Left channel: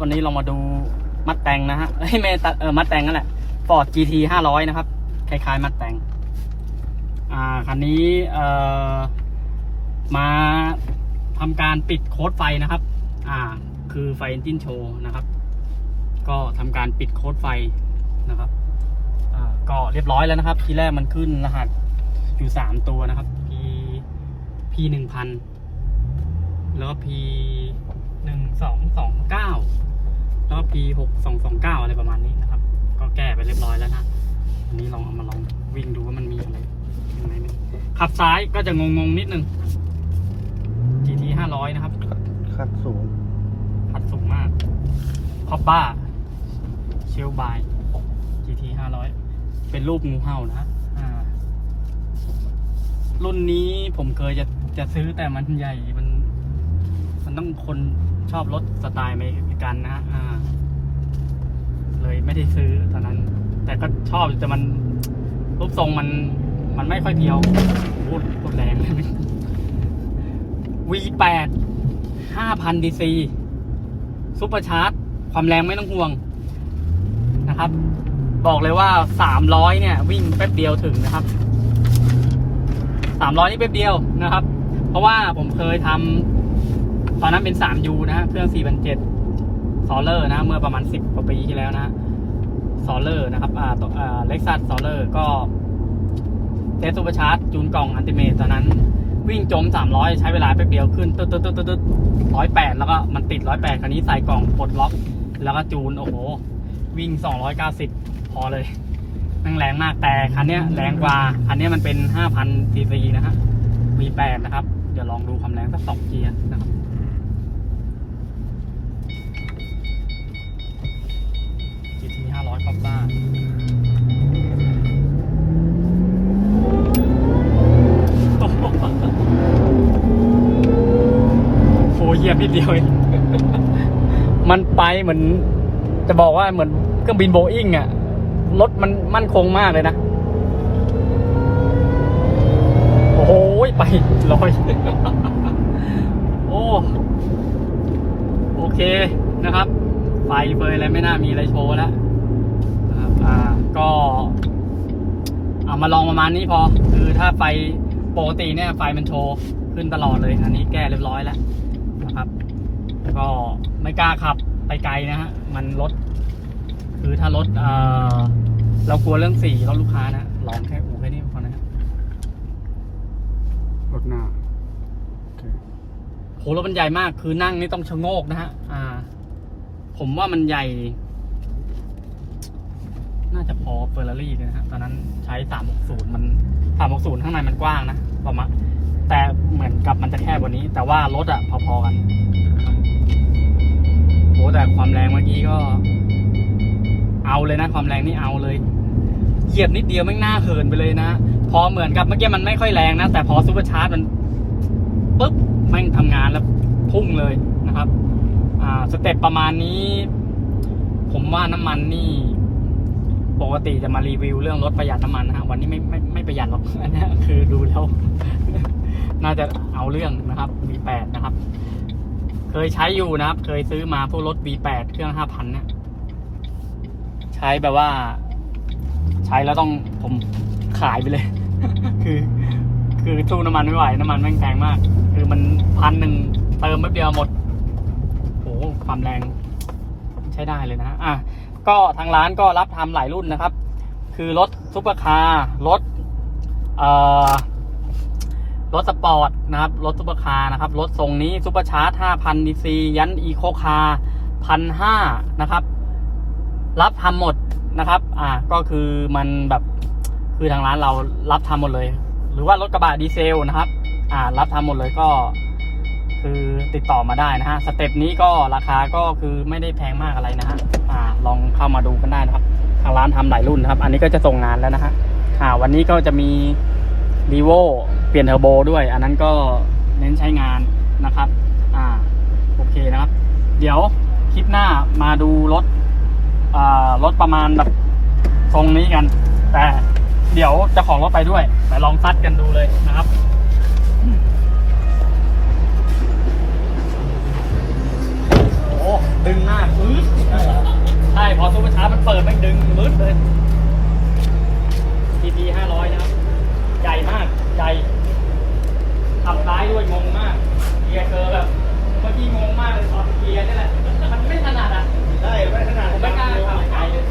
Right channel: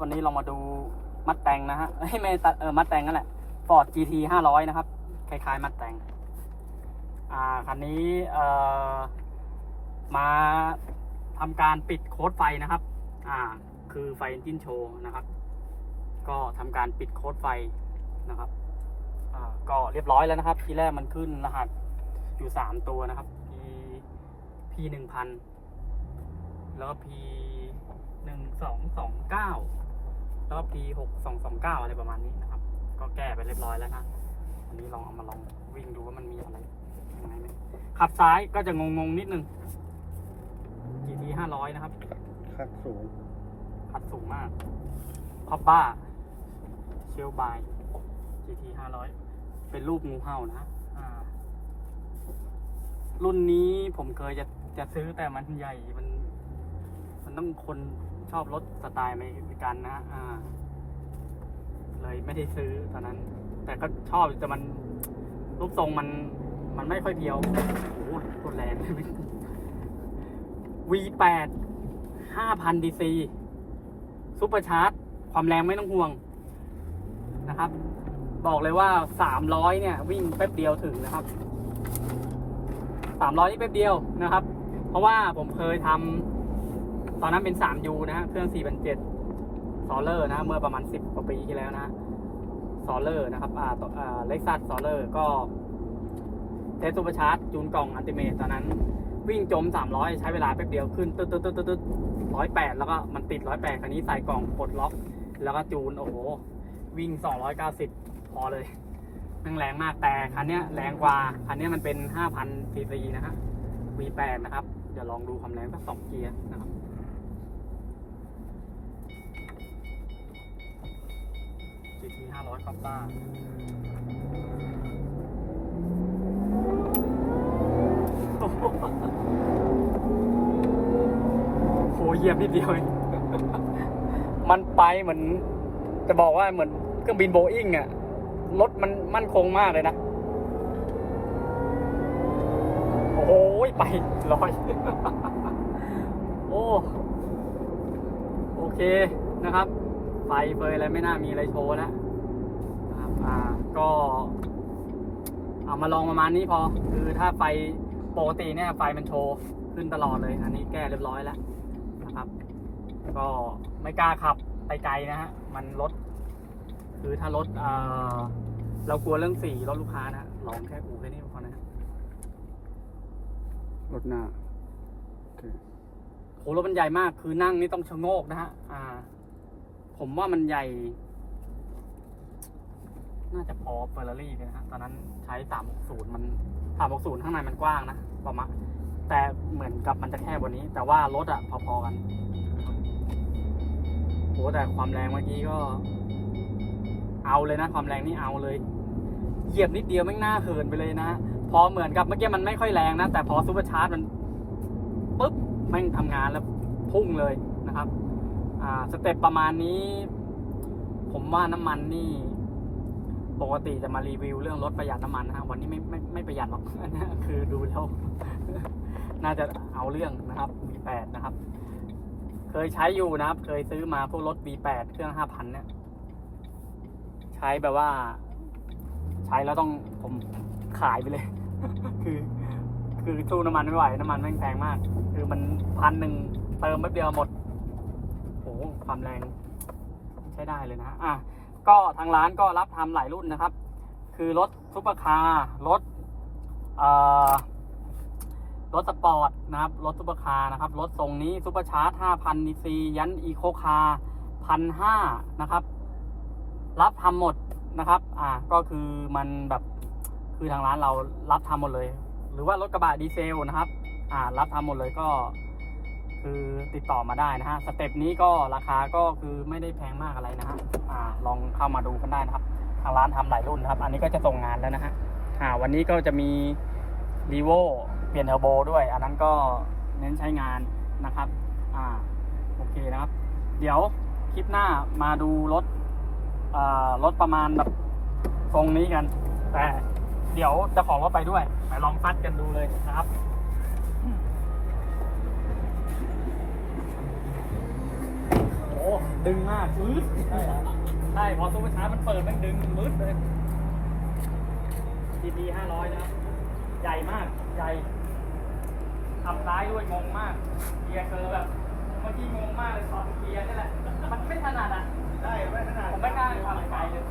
วันนี้เรามาดูมัดแตงนะฮะเฮ้ยไม่ตัดเออมัดแตงนั่นแหละ Ford GT 500 นะครับ คล้ายๆ มัดแตงอ่าคันนี้เอ่อมาทำการปิดโค้ดไฟนะครับ อ่า คือไฟ Engine Show นะครับ ก็ทำการปิดโค้ดไฟนะครับอ่าก็เรียบร้อยแล้วนะครับ ทีแรกมันขึ้นรหัสอยู่สามตัวนะครับ P P หนึ่งพันแล้วก็ P หนึ่งสองสองเก้า แล้วก็ P หกสองสองเก้าอะไรประมาณนี้นะครับ ก็แก้ไปเรียบร้อยแล้วนะอันนี้ลองเอามาลองวิ่งดูว่ามันมีอะไรยังไงไหมขับซ้ายก็จะงงๆนิดนึง GT ห้าร้อยนะครับคัดสูงขัดสูงมากพับบ้า เชลบาย GT ห้าร้อยเป็นรูปงูเห่านะอ่ารุ่นนี้ผมเคยจะจะซื้อแต่มันใหญ่มัน มันต้องคนชอบรถสไตล์อเมริกันนะฮะอ่าเลย ไม่ได้ซื้อตอนนั้น แต่ก็ชอบแต่มันรูปทรงมันมันไม่ค่อยเพียวพูดพูดแรงเลย V8 5,000 DC ซุปเปอร์ชาร์จ ความแรงไม่ต้องห่วงนะครับ บอกเลยว่า 300 เนี่ย วิ่งแป๊บเดียวถึงนะครับ 300 นี่แป๊บเดียวนะครับ เพราะว่าผมเคยทำตอนนั้นเป็น 3U นะฮะเครื่อง 4,700ซอลเลอร์นะ เมื่อประมาณ 10 กว่าปีที่แล้วนะ ซอลเลอร์นะครับอ่าตัวอ่าเล็กซัสซอลเลอร์ก็เทสซูเปอร์ชาร์จจูนกล่องอันติเมตตอนนั้น วิ่งจม 300 ใช้เวลาแป๊บเดียวขึ้นตึ๊ดตึ๊ดตึ๊ดตึ๊ดร้อยแปดแล้วก็มันติดร้อยแปดคันนี้ใส่กล่องปลดล็อก แล้วก็จูน โอ้โห วิ่ง 290 พอเลยนั่งแรงมากแต่คันนี้แรงกว่า คันนี้มันเป็น 5,000ซีซีนะฮะ V8 นะครับ เดี๋ยวลองดูความแรงสักสองเกียร์นะครับ GT 500คอปป้าโอ้โหเหยียบนิดเดียวเองมันไปเหมือน จะบอกว่าเหมือนเครื่องบินโบอิงอะรถมันมั่นคงมากเลยนะ โอ้โหไปลอยโอ้ โอเคนะครับ ไฟเฟยอะไรไม่น่ามีอะไรโชว์แล้วนะครับอ่าก็เอามาลองประมาณนี้พอ คือถ้าไฟปกติเนี่ยไฟมันโชว์ขึ้นตลอดเลย อันนี้แก้เรียบร้อยแล้วนะครับ ก็ไม่กล้าขับไปไกลนะฮะ มันรถ คือถ้ารถเอ่อเรากลัวเรื่องสีรถลูกค้านะ ลองแค่อู่แค่นี้พอนะฮะรถหน้าโอเคโหรถมันใหญ่มาก คือนั่งนี่ต้องชะโงกนะฮะ อ่า ผมว่ามันใหญ่ น่าจะพอเฟอร์รารี่นะฮะตอนนั้นใช้360มัน360ข้างในมันกว้างนะประมาณแต่เหมือนกับมันจะแคบกว่านี้ แต่ว่ารถอะพอๆกันโหแต่ความแรงเมื่อกี้ก็ เอาเลยนะความแรงนี่เอาเลย เหยียบนิดเดียวแม่งหน้าเหินไปเลยนะ พอเหมือนกับเมื่อกี้มันไม่ค่อยแรงนะ แต่พอซูเปอร์ชาร์จมันปุ๊บแม่งทำงานแล้วพุ่งเลยนะครับ สเต็ปประมาณนี้ ผมว่าน้ำมันนี่ปกติจะมารีวิวเรื่องรถประหยัดน้ำมันนะฮะวันนี้ไม่ไม่ไม่ประหยัดหรอกอันนี้คือดูแล้ว น่าจะเอาเรื่องนะครับ V8 นะครับ เคยใช้อยู่นะครับ เคยซื้อมาพวกรถ V8 เครื่อง 5,000 เนี่ย ใช้แบบว่า ใช้แล้วต้องผมขายไปเลย คือ คือสู้น้ำมันไม่ไหว น้ำมันแม่งแพงมาก คือมันพันหนึ่งเติมแป๊บเดียวหมด ความแรงใช้ได้เลยนะอะก็ทางร้านก็รับทำหลายรุ่นนะครับ คือรถซุปเปอร์คาร์รถรถสปอร์ตนะครับ รถซุปเปอร์คาร์นะครับ รถทรงนี้ซุปเปอร์ชาร์จ5,000ดีซียันอีโคคาร์พันห้านะครับ รับทำหมดนะครับ อ่า ก็คือมันแบบคือทางร้านเรารับทำหมดเลย หรือว่ารถกระบะดีเซลนะครับ อ่า รับทำหมดเลยก็ คือติดต่อมาได้นะฮะสเต็ปนี้ก็ราคาก็คือไม่ได้แพงมากอะไรนะฮะอ่าลองเข้ามาดูกันได้นะครับทางร้านทำหลายรุ่นนะครับ อันนี้ก็จะส่งงานแล้วนะฮะอ่าวันนี้ก็จะมีรีโวเปลี่ยนเทอร์โบด้วย อันนั้นก็เน้นใช้งานนะครับอ่าโอเคนะครับ เดี๋ยวคลิปหน้ามาดูรถอ่ารถประมาณแบบทรงนี้กัน แต่เดี๋ยวจะของรถไปด้วย ไปลองซัดกันดูเลยนะครับ พอซุปเปอร์ชาร์จมันเปิดไม่ดึงมืดเลย TT 500 นะครับ ใหญ่มาก ใหญ่ทำซ้ายด้วยงงมาก เกียร์เกอร์แบบเมื่อกี้งงมากเลยตอนเกียร์นี่แหละ มันไม่ถนัดอะ ได้ไม่ถนัดผมไม่กล้าขับไกลเลย